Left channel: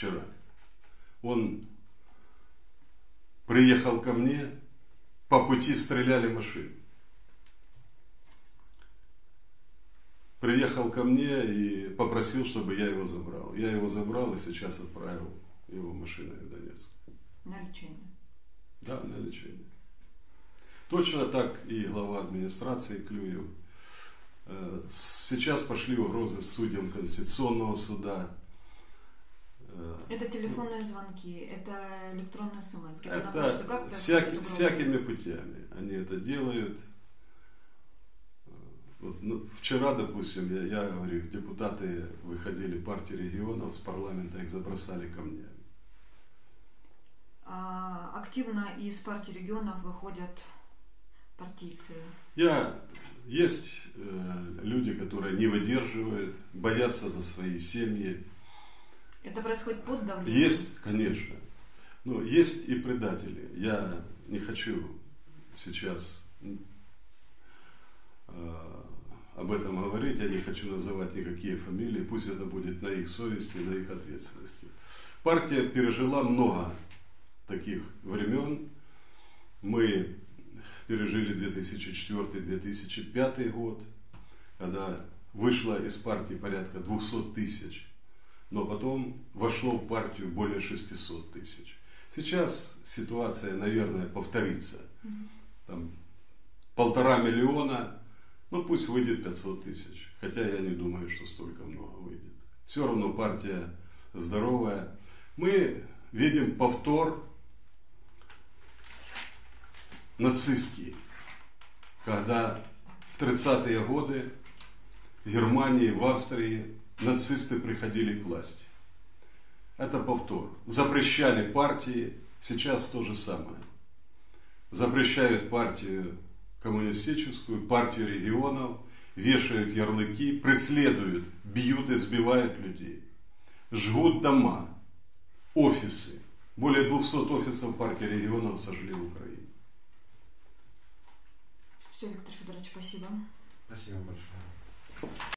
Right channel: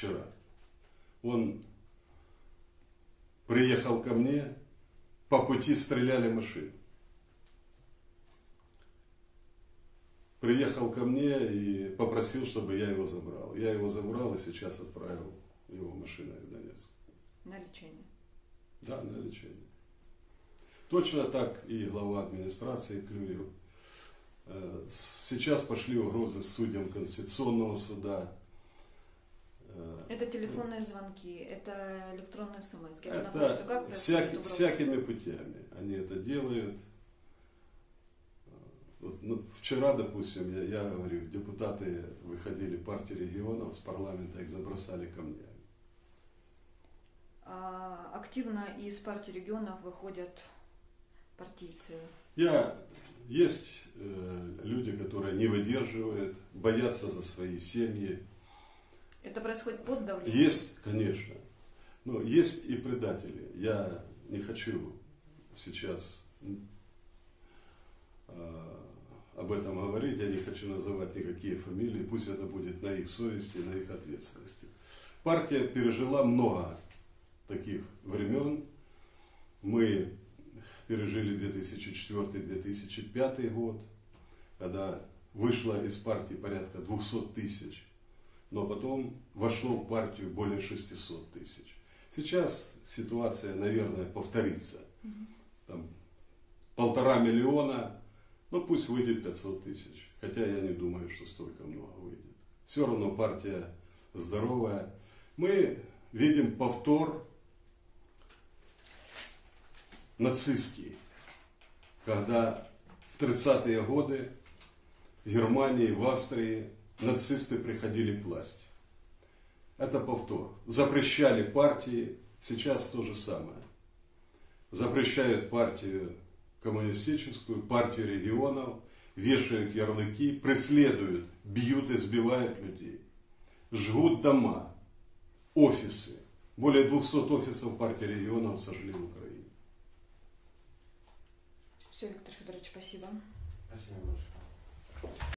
вчера. Он приехал ко мне, по пути стреляли машины. Приехал ко мне и попросил, чтобы я его забрал. Я его забрал и сейчас отправил его машиной в Донецк. На лечение. Да, на лечение. Точно так и глава администрации Клюев. Э, Сейчас пошли угрозы судьям Конституционного суда. Это телефонные звонки, это электронные смс. Это всяки- всякими путями они это делают. Вот, ну, вчера, допустим, я, я говорю, депутаты выходили партии регионов с парламента, их забросали камнями. А, активно из партии регионов выходят партийцы. Я, есть э, люди, которые не выдерживают, боятся за свои семьи. Это происходит под давлением? Есть, конечно. Но есть и предатели. Я не хочу сейчас э, об этом говорить, я не хочу называть никакие фамилии, пусть это будет на их совести, на их ответственности. Партия пережила много таких времен. Мы пережили 2004-2005 год, когда вышло из партии порядка 200 тысяч, но потом вошло в партию более 600 тысяч. Сейчас ситуация, наверное, повторится. Там полтора миллиона, ну пусть выйдет 500 тысяч. Хотя я не думаю, что столько много выйдет. Все равно партия здоровая. Мы видим повтор нацистский, когда в 30-е годы в Германии, в Австрии нацисты приходили к власти. Это повтор. Запрещали партии, сейчас то же самое. Запрещают партию коммунистическую, партию регионов, вешают ярлыки, преследуют, бьют, избивают людей. Жгут дома, офисы. Более 200 офисов партии регионов сожгли в Украине. Все, Виктор Федорович, спасибо. Спасибо большое.